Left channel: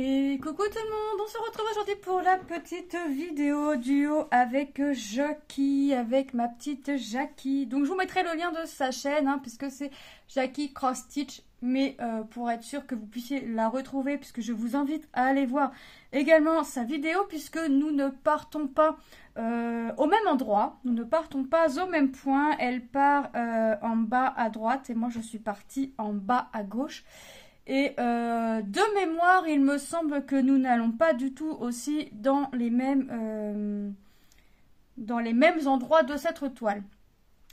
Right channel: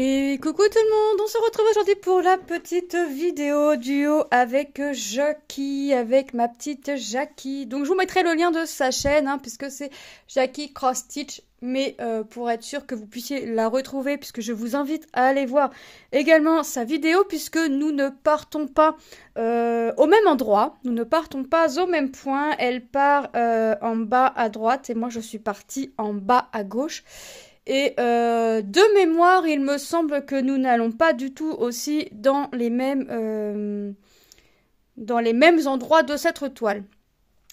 Et coucou tout le monde, on se retrouve aujourd'hui pour la petite vidéo duo avec Jackie, avec ma petite Jackie. Donc je vous mettrai le lien de sa chaîne, puisque c'est Jackie Cross Stitch, mais pour être sûr que vous puissiez la retrouver, puisque je vous invite à aller voir également sa vidéo, puisque nous ne partons pas au même endroit, nous ne partons pas au même point. Elle part en bas à droite et moi je suis partie en bas à gauche. Et de mémoire, il me semble que nous n'allons pas du tout aussi dans les mêmes endroits de cette toile.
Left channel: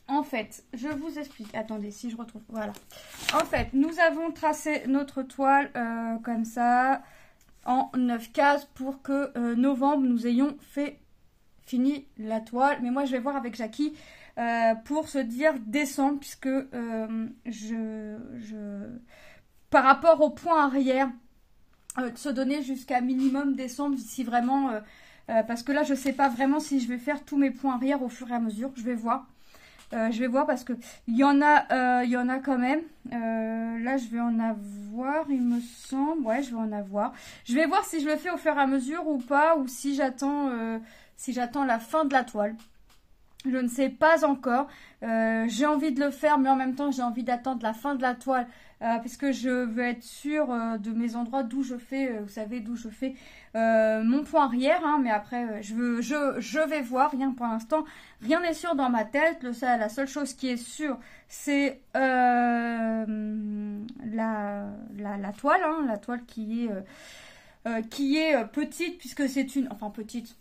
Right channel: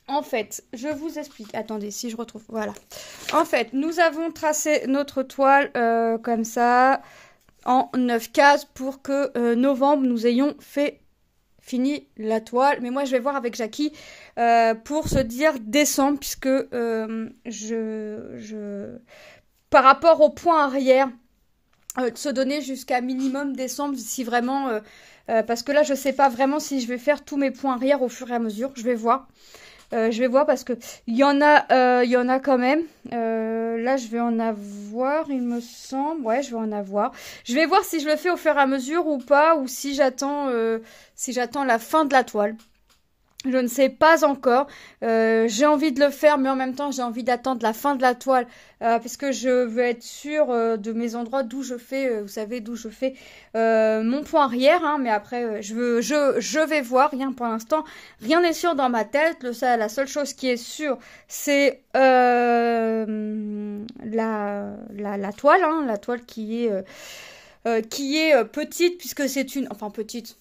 En fait, je vous explique. Attendez, si je retrouve. Voilà. En fait, nous avons tracé notre toile comme ça, en 9 cases, pour que novembre, nous ayons fini la toile. Mais moi, je vais voir avec Jackie pour se dire décembre, puisque par rapport au point arrière, de se donner jusqu'à minimum décembre, si vraiment, parce que là je sais pas vraiment si je vais faire tous mes points arrière au fur et à mesure. Je vais voir. Je vais voir parce que il y en a quand même. Là je vais en avoir, il me semble. Ouais, je vais en avoir. Je vais voir si je le fais au fur et à mesure ou pas, ou si j'attends la fin de la toile. Je ne sais pas encore. J'ai envie de le faire, mais en même temps, j'ai envie d'attendre la fin de la toile, puisque je veux être sûre de mes endroits d'où je fais, vous savez, d'où je fais mon point arrière. Mais après, je vais voir. Rien pour l'instant, rien n'est sûr dans ma tête. La seule chose qui est sûre, c'est la toile, la toile qui est petite, puisque c'est enfin petite.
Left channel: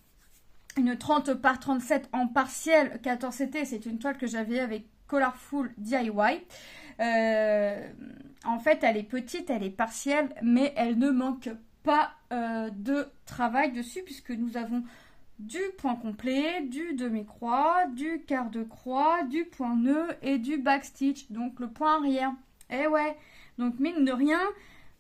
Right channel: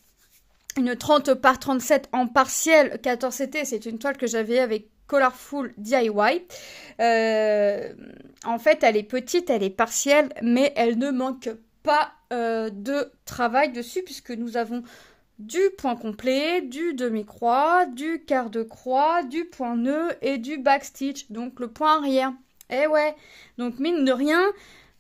Une 30 par 37 en partiel 14 CT, c'est une toile que j'avais avec Colorful DIY. En fait, elle est petite, elle est partielle, mais elle ne manque pas de travail dessus, puisque nous avons du point complet, du demi-croix, du quart de croix, du point nœud et du backstitch, donc le point arrière. Eh ouais, donc mine de rien,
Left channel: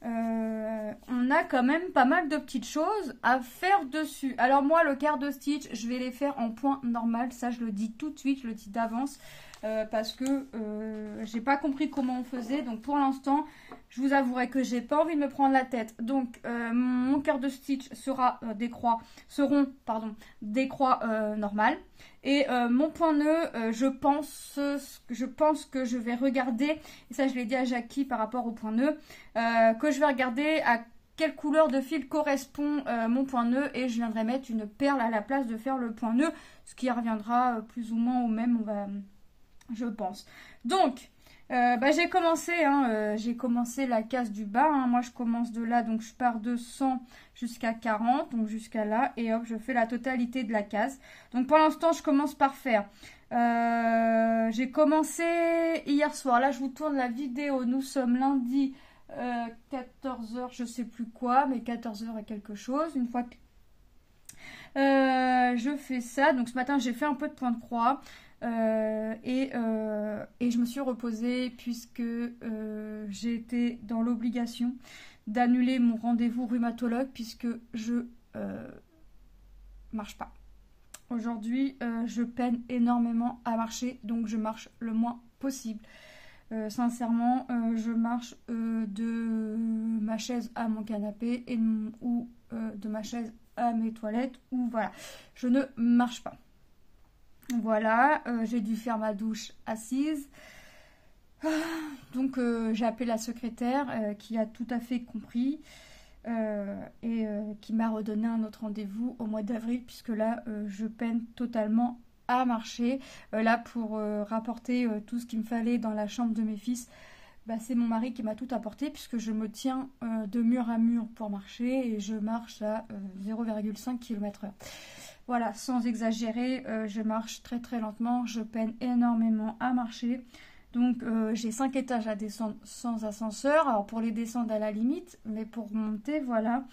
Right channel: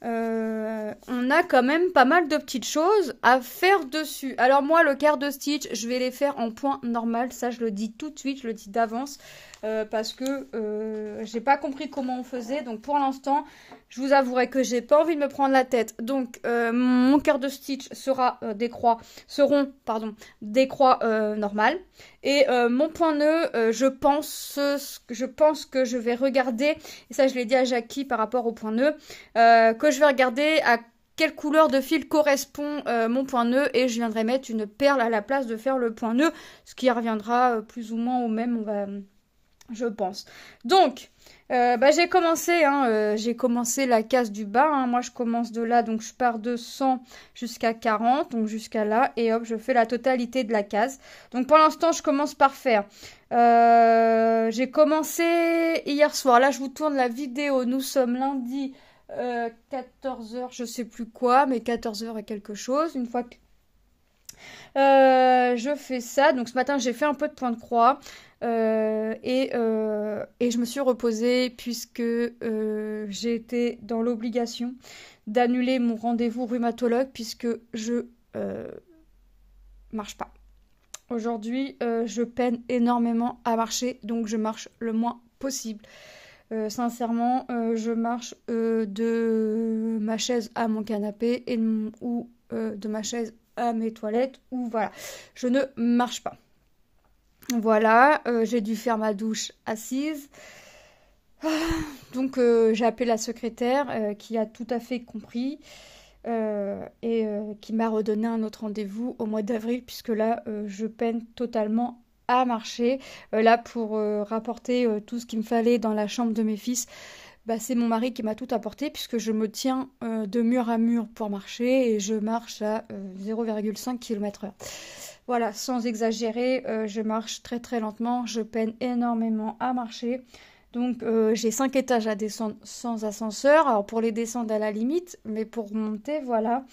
on a quand même pas mal de petites choses à faire dessus. Alors moi, le quart de stitch, je vais les faire en point normal. Ça, je le dis tout de suite, je le dis d'avance. Parce que j'ai pas compris comment on faisait. Donc pour l'instant, je vous avouerai que j'ai pas envie de me prendre la tête. Donc mon quart de stitch seront des croix normales. Et mon point nœud, je pense que je vais regarder, et ça je l'ai dit à Jackie par rapport au point nœud, que je vais regarder à quelle couleur de fil correspond mon point nœud, et je viendrai mettre une perle à la place de faire le point nœud, ce qui reviendra plus ou moins au même, je pense. Donc, j'ai commencé la case du bas. Moi, je commence de là, donc je pars de 100 jusqu'à 40, donc jusqu'à là, et hop, je fais la totalité de la case. Donc, pour l'instant, je commence par faire. J'ai commencé hier soir. Là, je vous tourne la vidéo. Nous sommes lundi 14h, je sais plus quoi, mais 14h et quelque chose. Une fois que je fais ça. Donc, ce matin, j'ai fait un peu de point de croix. Et je me suis reposée puisque j'ai été dans l'obligation d'annuler mon rendez-vous rhumatologue puisque je marche pas. Aujourd'hui, je peine énormément à marcher, donc je marche le moins possible. Sincèrement, je marche de ma chaise à mon canapé ou de ma chaise à mes toilettes, ou voilà, je ne marche pas. Voilà, j'ai dû faire ma douche assise. Donc j'ai appelé la secrétaire qui a tout à fait compris et qui m'a redonné un autre rendez-vous au mois d'avril, puisque là je peine totalement à marcher. Là pour rapporter tout ce qu'il me fallait dans la chambre de mes fils, c'est mon mari qui m'a tout apporté, puisque je me tiens de mur à mur pour marcher et je marche à 0,5 km/h. Voilà, sans exagérer, je marche très très lentement, je peine énormément à marcher. Donc j'ai 5 étages à descendre sans ascenseur. Alors pour les descendre à la limite, mais pour monter, voilà.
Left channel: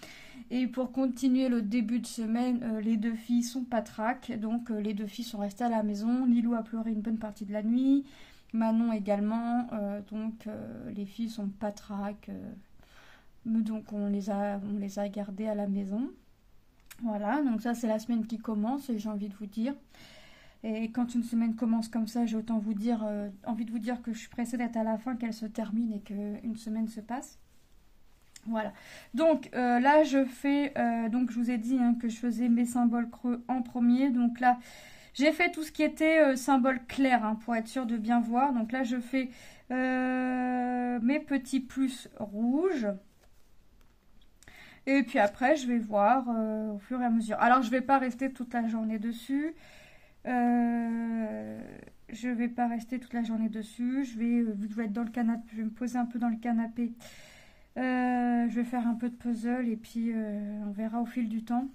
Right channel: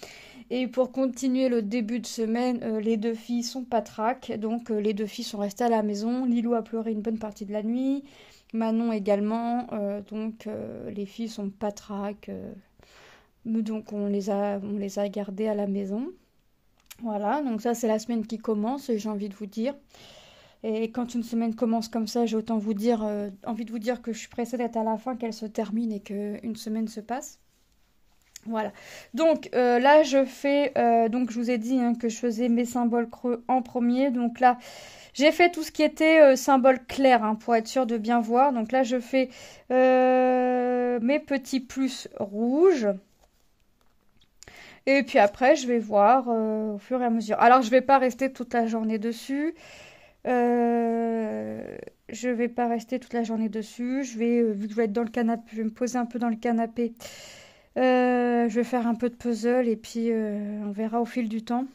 Et pour continuer le début de semaine, les deux filles sont patraques. Donc les deux filles sont restées à la maison. Lilou a pleuré une bonne partie de la nuit. Manon également. Donc les filles sont patraques. Donc on les a gardées à la maison. Voilà, donc ça c'est la semaine qui commence, j'ai envie de vous dire. Et quand une semaine commence comme ça, j'ai autant envie de vous dire que je suis pressée d'être à la fin, qu'elle se termine et qu'une semaine se passe. Voilà. Donc là, je fais, donc je vous ai dit hein, que je faisais mes symboles creux en premier. Donc là, j'ai fait tout ce qui était symbole clair hein, pour être sûr de bien voir. Donc là, je fais mes petits plus rouges. Et puis après, je vais voir au fur et à mesure. Alors, je vais pas rester toute la journée dessus. Je vais pas rester toute la journée dessus. Je vais, vu que je vais être dans le canapé, je vais me poser un peu dans le canapé. Je vais faire un peu de puzzle et puis on verra au fil du temps.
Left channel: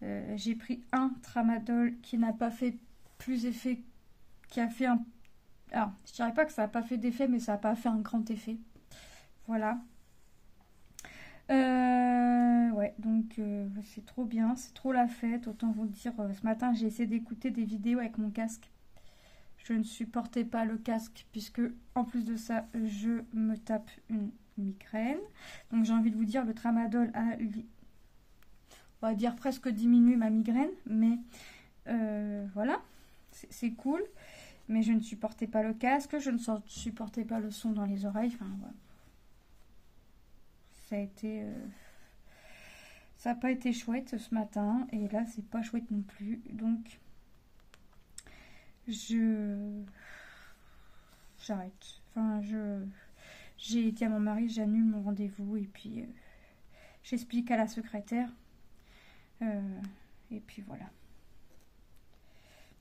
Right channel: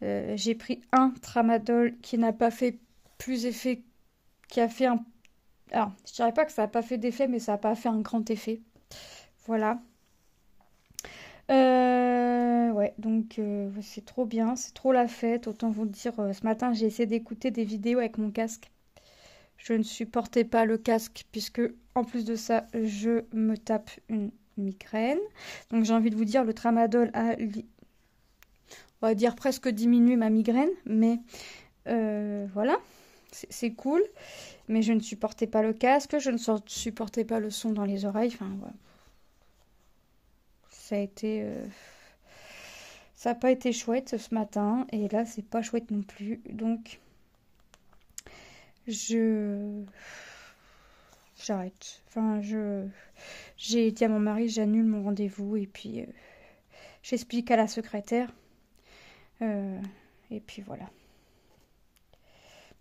J'ai pris un tramadol qui n'a pas fait plus effet, qui a fait un... Alors, je dirais pas que ça n'a pas fait d'effet, mais ça n'a pas fait un grand effet. Voilà. Ouais, donc c'est trop bien, c'est trop la fête. Autant vous dire, ce matin j'ai essayé d'écouter des vidéos avec mon casque. Je ne supportais pas le casque puisque en plus de ça, je me tape une migraine. Donc j'ai envie de vous dire, le tramadol a, on va dire presque diminué ma migraine, mais voilà, c'est cool. Mais je ne supportais pas le casque, je ne supportais pas le son dans les oreilles. Enfin, ouais. Ça a été, ça n'a pas été chouette ce matin et là c'est pas chouette non plus. Donc j'arrête. Enfin, j'ai dit à mon mari, j'annule mon rendez-vous et puis j'explique à la secrétaire. Et puis voilà.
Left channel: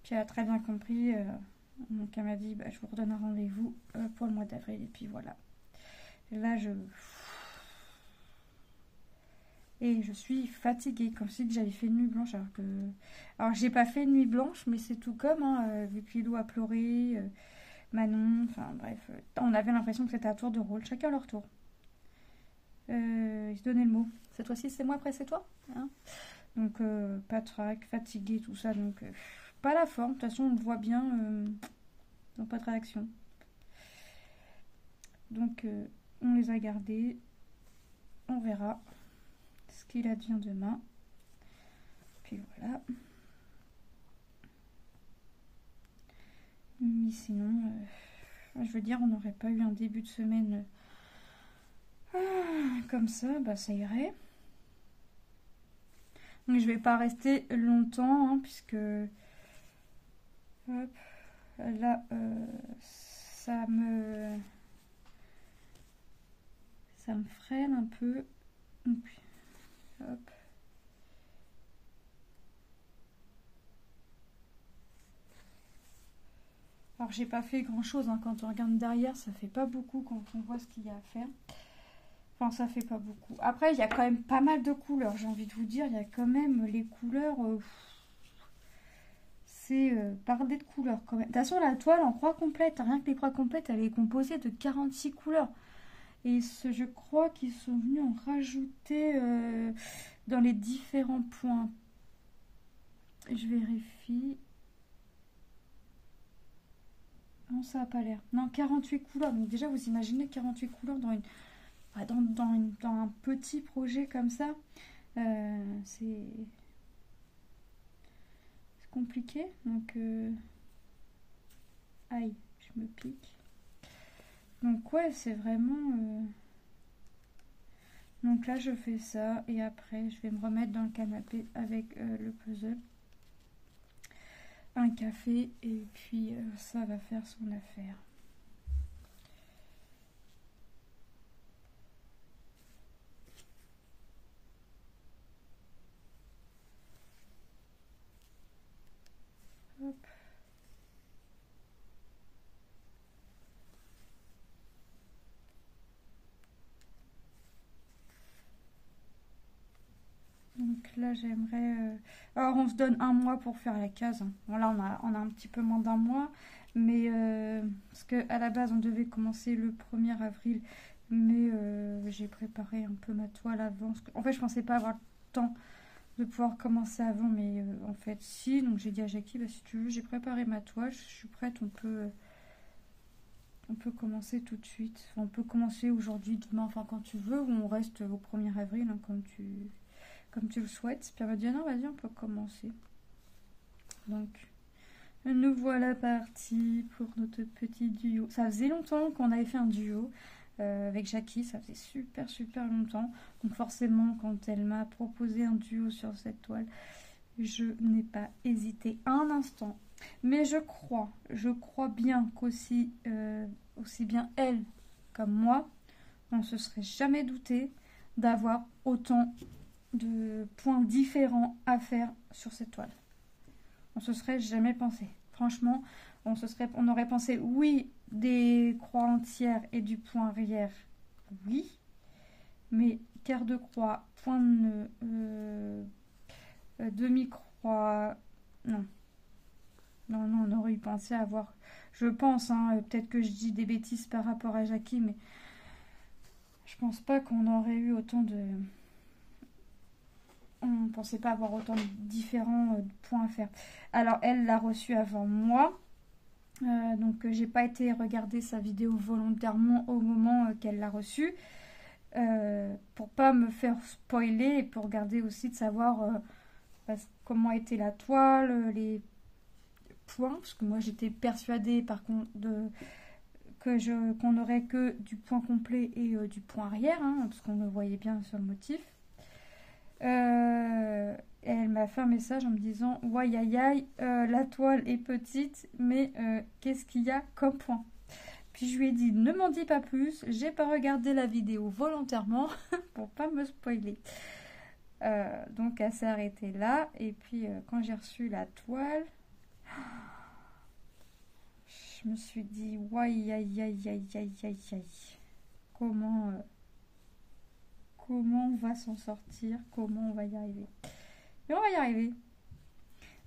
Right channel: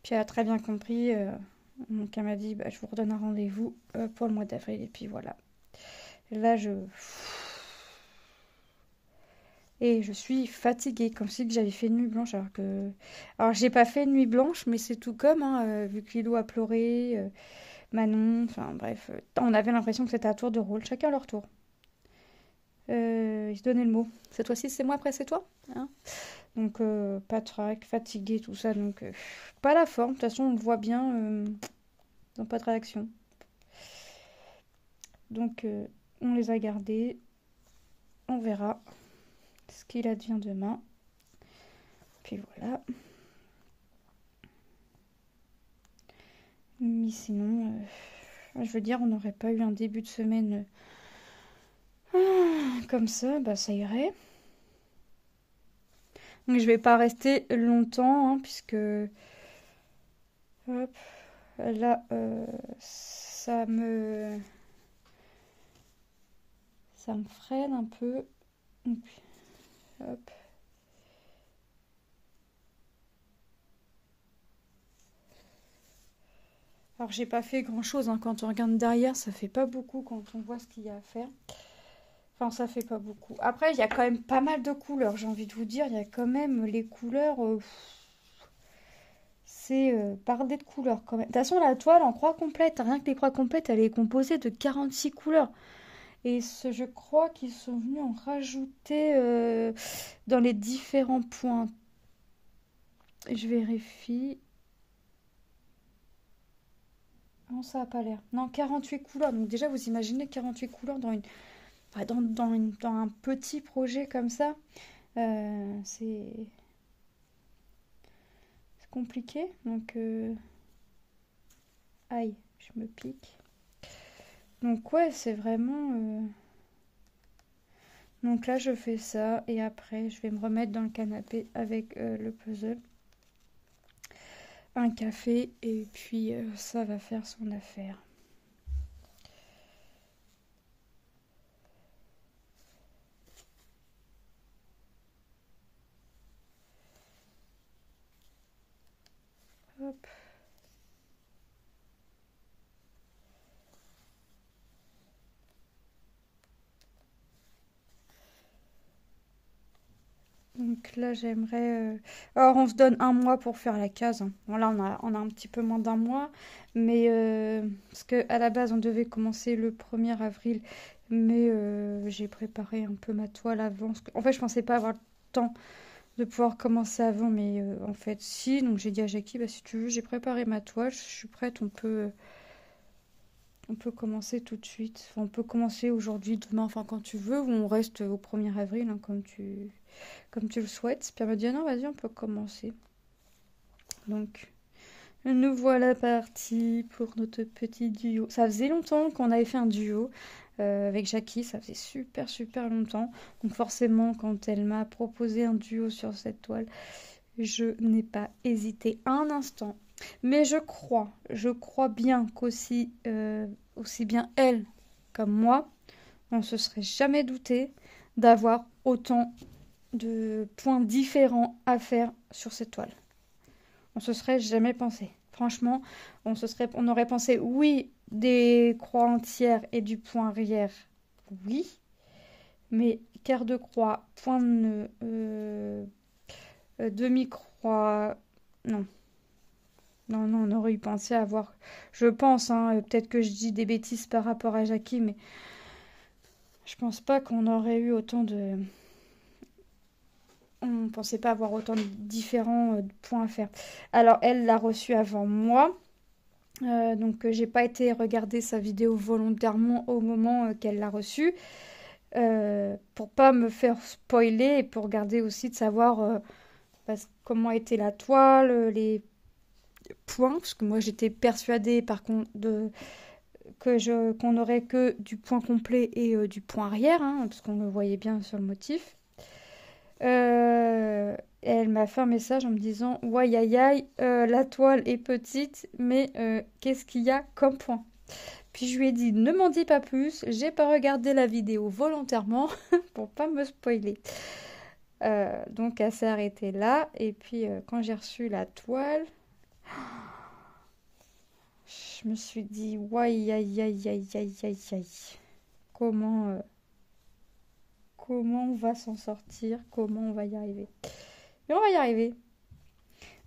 Puis elle a très bien compris. Donc elle m'a dit, bah, je vous redonne un rendez-vous pour le mois d'avril. Et puis voilà. Et là, et je suis fatiguée, comme si j'avais fait une nuit blanche. Alors j'ai pas fait une nuit blanche, mais c'est tout comme, hein, vu que Lilo a pleuré, Manon, enfin bref. On avait l'impression que c'était à tour de rôle, chacun leur tour. Ils se donnaient le mot. Cette fois-ci, c'est moi, après c'est toi. Hein. Donc pas de trac, fatiguée, tout ça. Donc pas la forme. De toute façon, on le voit bien. Dans pas de réaction. Donc on les a gardés. On verra ce qu'il advient demain. Puis voilà. Mais sinon, je veux dire, on n'aurait pas eu un début de semaine comme ça, bah ça irait. Donc je vais pas rester longtemps, hein, puisque hop, là, ça me freine un peu. Donc, hop. Alors j'ai pas fait grand chose hein. Quand on regarde derrière, ça fait pas beaucoup quand on voit ce qu'il y a à faire. Enfin, ça fait pas beaucoup. Après, il y a quand même pas mal de couleurs, j'ai envie de vous dire. Il y a quand même les couleurs. C'est bardé de couleurs quand même. De toute façon, la toile en croix complète, rien que les croix complètes, elle est composée de 46 couleurs. Et je crois qu'ils sont venus en rajouter dans les différents points. Je vérifie. Non, ça n'a pas l'air. Non, 48 couleurs. Donc déjà, vous imaginez 48 couleurs dans un petit projet comme ça. C'est compliqué. Donc, aïe, je me pique. Donc ouais, c'est vraiment... Donc là, je fais ça et après, je vais me remettre dans le canapé avec le puzzle. Un café et puis ça va faire son affaire. Hop. Donc là, j'aimerais... Alors, on se donne un mois pour faire la case. Hein. Bon, là, on a un petit peu moins d'un mois. Mais parce qu'à la base, on devait commencer le 1er avril. Mais j'ai préparé un peu ma toile avant. En fait, je pensais pas avoir le temps de pouvoir commencer avant. Mais en fait, si. Donc, j'ai dit à Jackie, bah, si tu veux, j'ai préparé ma toile. Je suis prête. On peut commencer tout de suite. Enfin, on peut commencer aujourd'hui, demain, enfin, quand tu veux. Ou on reste au 1er avril, hein, comme tu le souhaites. Puis elle m'a dit, ah non, vas-y, on peut commencer. Donc, nous voilà partis pour notre petit duo. Ça faisait longtemps qu'on avait fait un duo. avec Jackie, ça faisait super super longtemps. Donc forcément, quand elle m'a proposé un duo sur cette toile, je n'ai pas hésité un instant. Mais je crois bien qu'aussi aussi bien elle comme moi, on ne se serait jamais douté d'avoir autant de points différents à faire sur cette toile. On se serait jamais pensé. Franchement, on aurait pensé oui des croix entières et du point arrière, oui, mais quart de croix, point de nœud, demi-croix, non. Non, non, on aurait eu pensé avoir, je pense, hein, peut-être que je dis des bêtises par rapport à Jackie, mais je pense pas qu'on aurait eu autant de... On ne pensait pas avoir autant de différents points à faire. Alors, elle l'a reçu avant moi. Donc, j'ai pas été regarder sa vidéo volontairement au moment qu'elle l'a reçue. Pour pas me faire spoiler et pour garder aussi de savoir comment était la toile, les points. Parce que moi, j'étais persuadée, par contre, qu'on n'aurait que du point complet et du point arrière. Hein, parce qu'on le voyait bien sur le motif. Elle m'a fait un message en me disant ouais aïe aïe, la toile est petite mais qu'est-ce qu'il y a comme point. Puis je lui ai dit ne m'en dis pas plus, j'ai pas regardé la vidéo volontairement pour pas me spoiler. Donc elle s'est arrêtée là et puis quand j'ai reçu la toile, je me suis dit ouais aïe aïe aïe aïe aïe aïe aïe, comment on va s'en sortir, comment on va y arriver. Mais on va y arriver.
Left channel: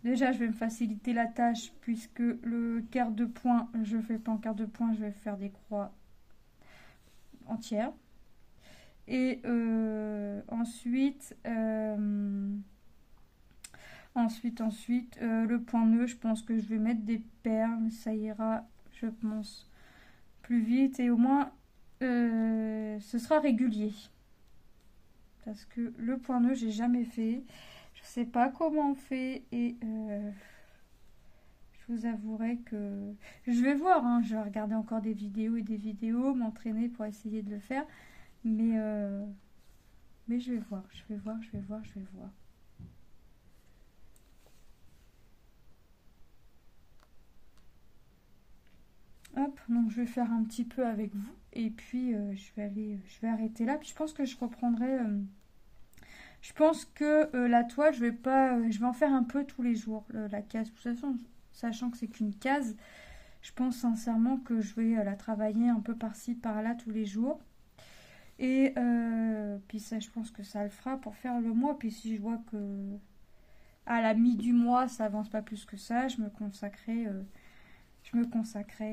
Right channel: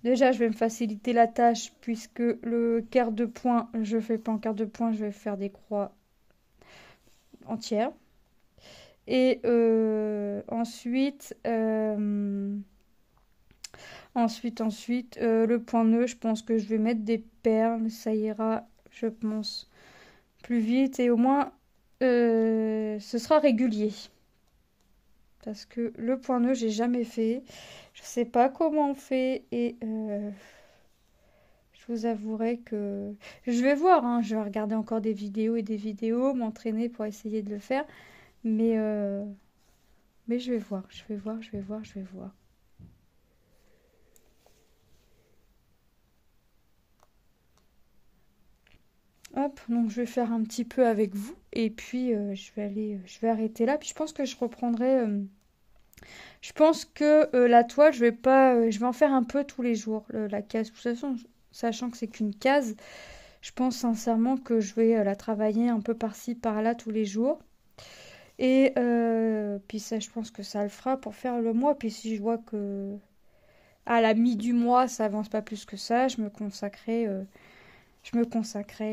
Déjà, je vais me faciliter la tâche puisque le quart de point, je ne fais pas en quart de point, je vais faire des croix entières. Et ensuite, le point nœud, je pense que je vais mettre des perles, ça ira, je pense, plus vite et au moins, ce sera régulier. Parce que le point nœud, j'ai jamais fait. Je sais pas comment on fait et je vous avouerai que je vais voir, hein, je vais regarder encore des vidéos et des vidéos, m'entraîner pour essayer de le faire, mais je vais voir, je vais voir, je vais voir, je vais voir. Hop, donc je vais faire un petit peu avec vous et puis je vais arrêter là. Puis je pense que je reprendrai. Je pense que la toile, je vais pas, je vais en faire un peu tous les jours. La case, de toute façon, sachant que c'est qu'une case, je pense sincèrement que je vais la travailler un peu par-ci, par-là tous les jours. Et puis ça, je pense que ça le fera pour faire le mois. Puis si je vois que à la mi du mois, ça avance pas plus que ça, je me consacrerai.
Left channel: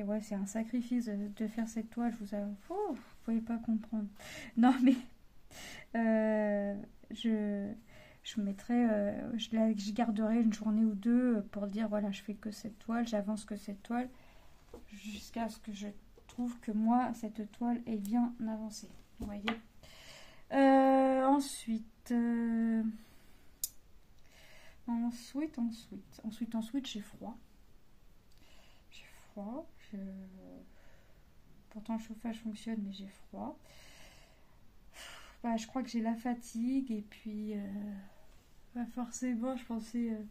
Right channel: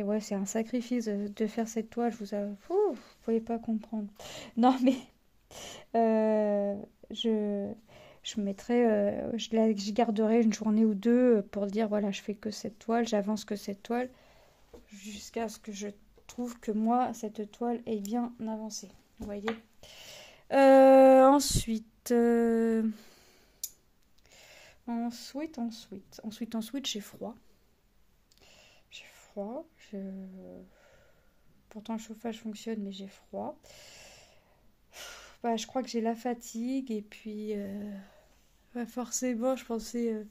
Ouais, c'est un sacrifice de faire cette toile. Vous pouvez pas comprendre. Non, mais euh, je mettrai, je garderai une journée ou deux pour dire voilà, je fais que cette toile, j'avance que cette toile, jusqu'à ce que je trouve que moi, cette toile est bien avancée. Vous voyez. Ensuite, j'ai froid. J'ai froid. Pourtant, le chauffage fonctionne, mais j'ai froid. Bah, je crois que j'ai la fatigue et puis forcément, je pensais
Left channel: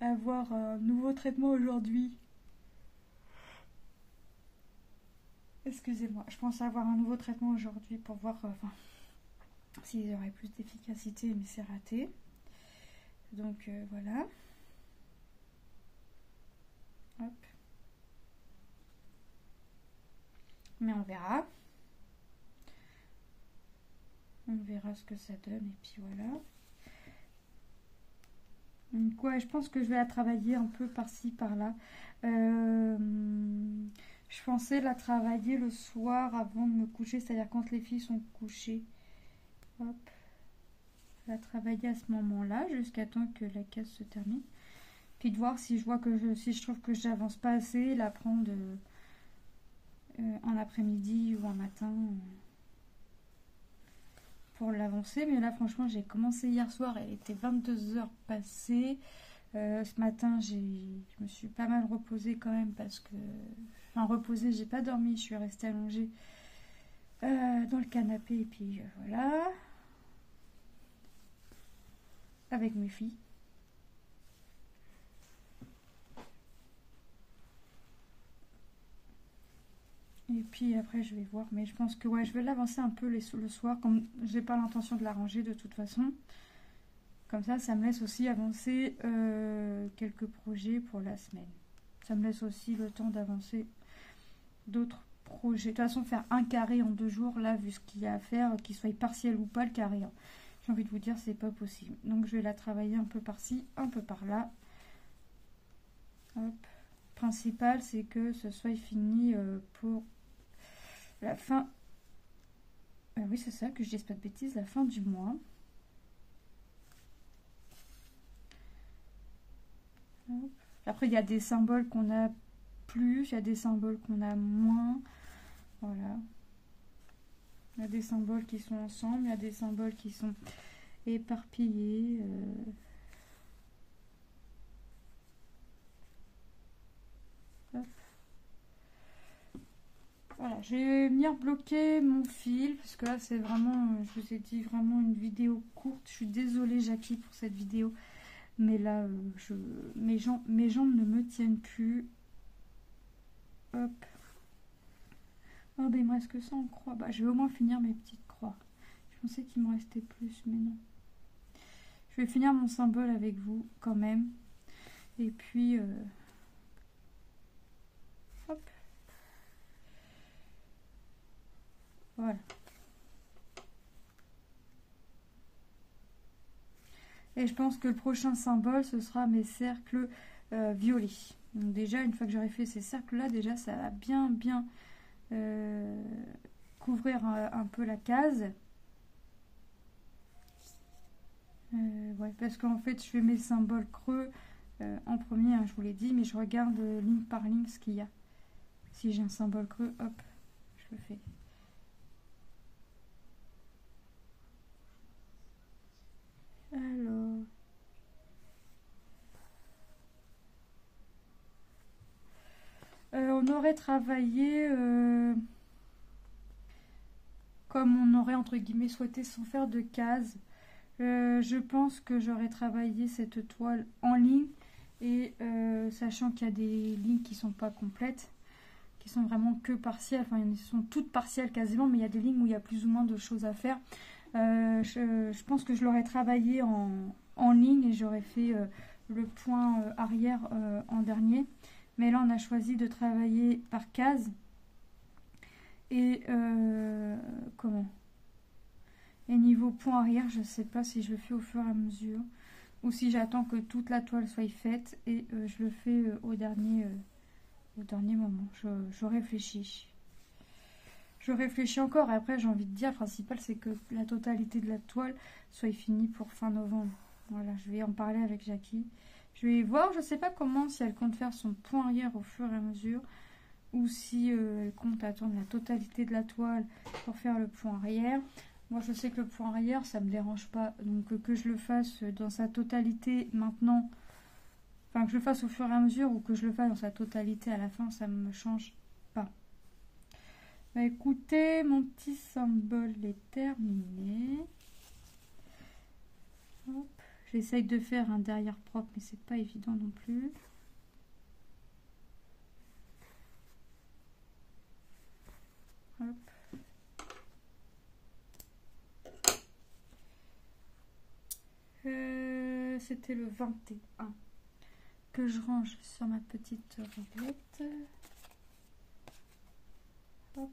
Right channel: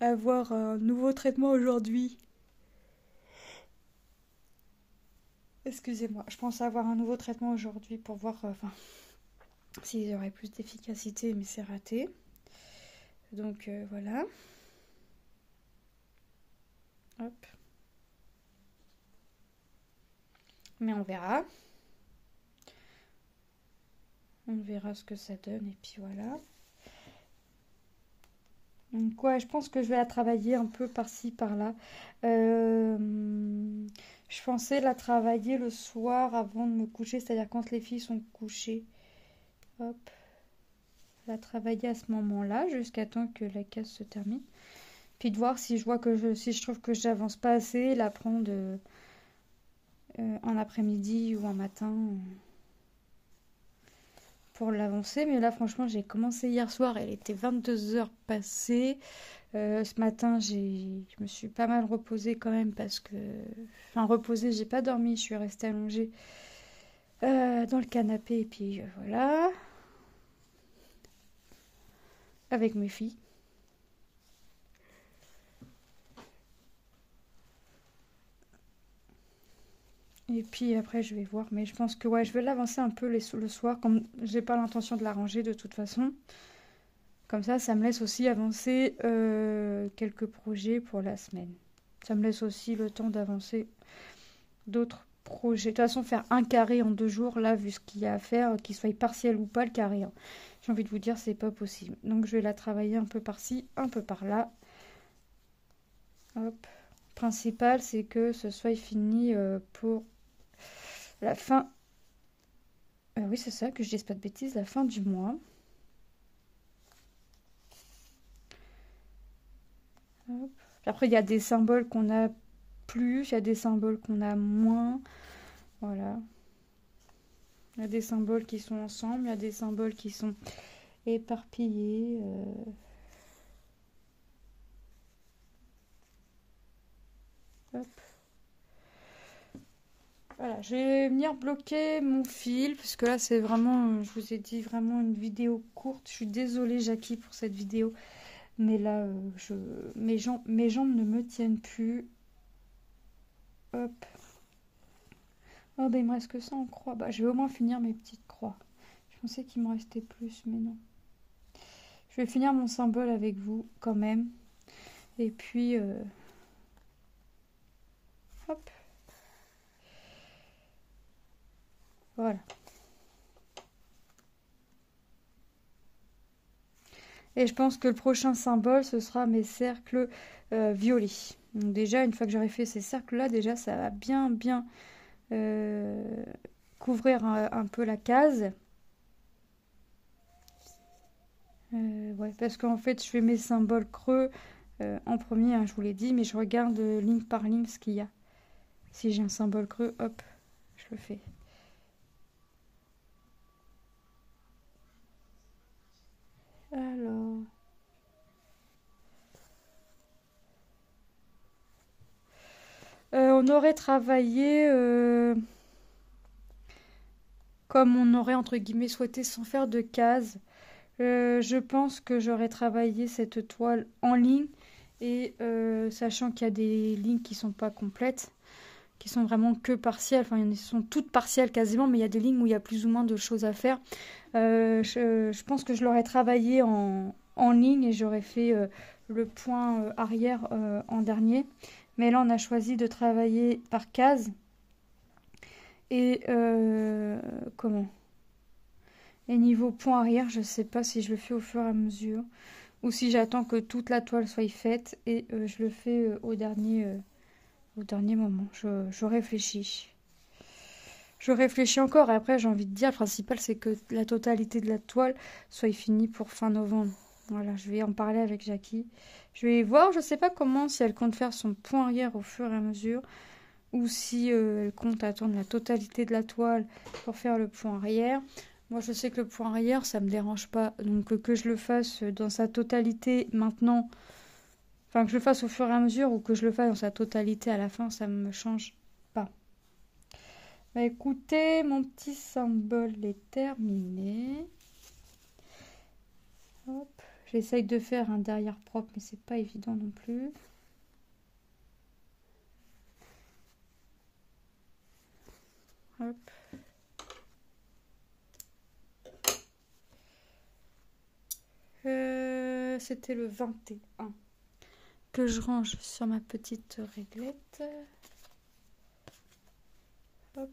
avoir un nouveau traitement aujourd'hui. Excusez-moi, je pense avoir un nouveau traitement aujourd'hui pour voir s'il y aurait plus d'efficacité, mais c'est raté. Donc voilà. Hop. Mais on verra. On verra ce que ça donne et puis voilà. Donc ouais, je pense que je vais la travailler un peu par-ci, par-là. Je pensais la travailler le soir avant de me coucher, c'est-à-dire quand les filles sont couchées. Hop. La travailler à ce moment-là, jusqu'à temps que la case se termine. Puis de voir si si je trouve que j'avance pas assez, la prendre en après-midi ou en matin pour l'avancer. Mais là, franchement, j'ai commencé hier soir, elle était 22h passées. Ce matin, je me suis pas mal reposée quand même parce que... Enfin, reposée, j'ai pas dormi, je suis restée allongée dans le canapé, et puis voilà, avec mes filles. Et puis après, je vais voir. Mais je pense que ouais, je vais l'avancer un peu le soir, comme j'ai pas l'intention de la ranger de toute façon. Comme ça me laisse aussi avancer quelques projets pour la semaine. Ça me laisse aussi le temps d'avancer d'autres projets. De toute façon, faire un carré en 2 jours, là, vu ce qu'il y a à faire, qu'il soit partiel ou pas, le carré, hein. J'ai envie de vous dire, c'est pas possible. Donc, je vais la travailler un peu par-ci, un peu par-là. Hop. Principal, c'est que ce soit fini pour la fin. Oui, c'est ça, que je dise pas de bêtises, la fin du mois. Hop. Après, il y a des symboles qu'on a plus, il y a des symboles qu'on a moins. Voilà. Il y a des symboles qui sont ensemble, il y a des symboles qui sont éparpillés. Hop. Voilà, je vais venir bloquer mon fil, parce que là c'est vraiment, je vous ai dit, vraiment une vidéo courte. Je suis désolée Jackie pour cette vidéo, mais là, mes jambes ne me tiennent plus. Hop. Oh bah il me reste que ça en croix. Bah je vais au moins finir mes petites croix. Je pensais qu'il me restait plus, mais non. Je vais finir mon symbole avec vous quand même. Et puis, hop. Voilà. Et je pense que le prochain symbole, ce sera mes cercles violets. Donc déjà, une fois que j'aurai fait ces cercles-là, déjà, ça va bien couvrir un peu la case. Ouais, parce qu'en fait, je fais mes symboles creux en premier, hein, je vous l'ai dit, mais je regarde ligne par ligne ce qu'il y a. Si j'ai un symbole creux, hop, je le fais. Alors... on aurait travaillé comme on aurait entre guillemets souhaité sans faire de cases. Je pense que j'aurais travaillé cette toile en ligne et sachant qu'il y a des lignes qui sont pas complètes, qui sont vraiment que partielles, enfin elles sont toutes partielles quasiment, mais il y a des lignes où il y a plus ou moins de choses à faire. Je pense que je l'aurais travaillé en ligne et j'aurais fait le point arrière en dernier. Mais là, on a choisi de travailler par case. Et comment Et niveau point arrière, je ne sais pas si je le fais au fur et à mesure ou si j'attends que toute la toile soit faite et je le fais au dernier moment. Je réfléchis. Je réfléchis encore et après j'ai envie de dire, le principal c'est que la totalité de la toile soit finie pour fin novembre. Voilà, je vais en parler avec Jackie. Je vais voir, je sais pas comment, si elle compte faire son point arrière au fur et à mesure ou si elle compte attendre la totalité de la toile pour faire le point arrière. Moi je sais que le point arrière ça me dérange pas, donc que je le fasse dans sa totalité maintenant, enfin que je le fasse au fur et à mesure ou que je le fasse dans sa totalité à la fin, ça me change pas. Bah écoutez, mon petit symbole est terminé. Hop. J'essaye de faire un derrière propre, mais c'est pas évident non plus. Hop. C'était le 21 que je range sur ma petite réglette. Hop.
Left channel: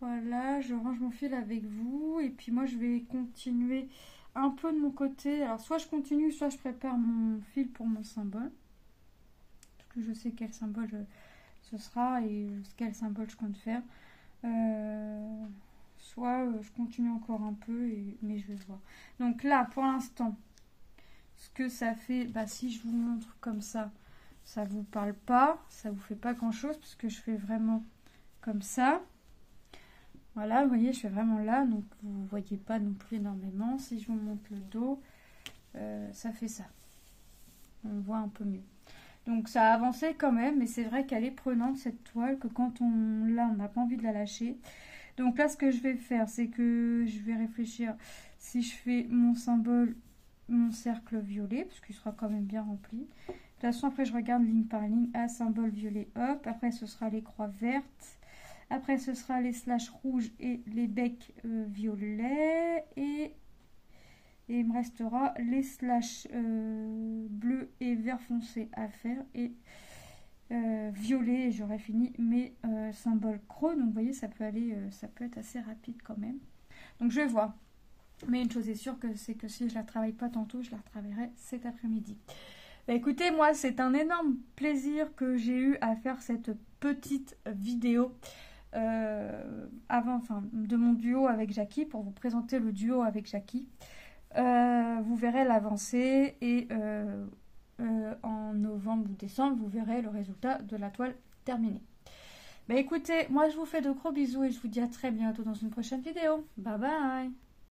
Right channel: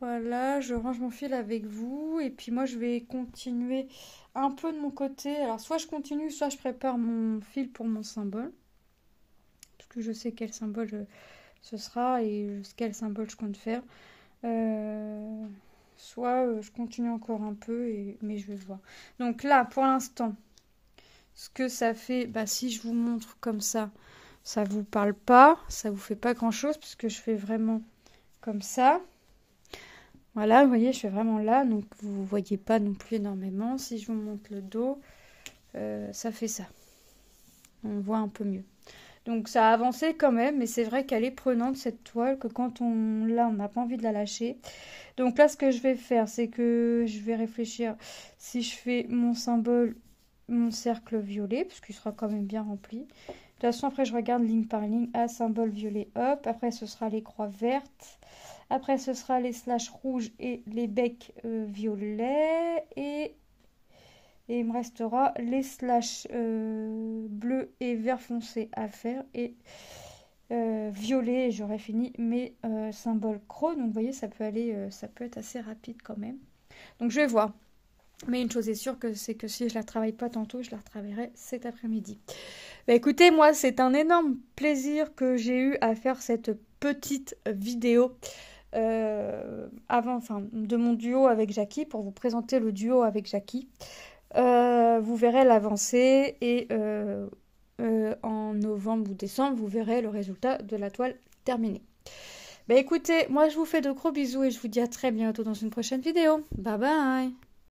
Voilà, je range mon fil avec vous et puis moi je vais continuer un peu de mon côté. Alors soit je continue, soit je prépare mon fil pour mon symbole. Parce que je sais quel symbole ce sera et quel symbole je compte faire. Soit je continue encore un peu, mais je vais voir. Donc là, pour l'instant, ce que ça fait, bah, si je vous montre comme ça vous parle pas, ça vous fait pas grand chose puisque je fais vraiment comme ça. Voilà, vous voyez, je suis vraiment là, donc vous ne voyez pas non plus énormément. Si je vous montre le dos, ça fait ça. on voit un peu mieux. Donc ça a avancé quand même, mais c'est vrai qu'elle est prenante cette toile, que quand on l'a, on n'a pas envie de la lâcher. Donc là, ce que je vais faire, c'est que je vais réfléchir si je fais mon symbole, mon cercle violet, parce qu'il sera quand même bien rempli. De toute façon, après, je regarde ligne par ligne. Ah, symbole violet, hop. Après, ce sera les croix vertes. Après, ce sera les slash rouges et les becs violets. Et il me restera les slash bleus et vert foncé à faire. Et violet, j'aurai fini mes symboles crocs. Donc, vous voyez, ça peut être assez rapide quand même. Donc, je vais voir. Mais une chose est sûre, c'est que si je la travaille pas tantôt, je la retravaillerai cet après-midi. Bah écoutez, moi, c'est un énorme plaisir que j'ai eu à faire cette petite vidéo de mon duo avec Jackie, pour vous présenter le duo avec Jackie. Vous verrez l'avancée et en novembre ou décembre, vous verrez le résultat de la toile terminée. Bah écoutez, moi je vous fais de gros bisous et je vous dis à très bientôt dans une prochaine vidéo. Bye bye!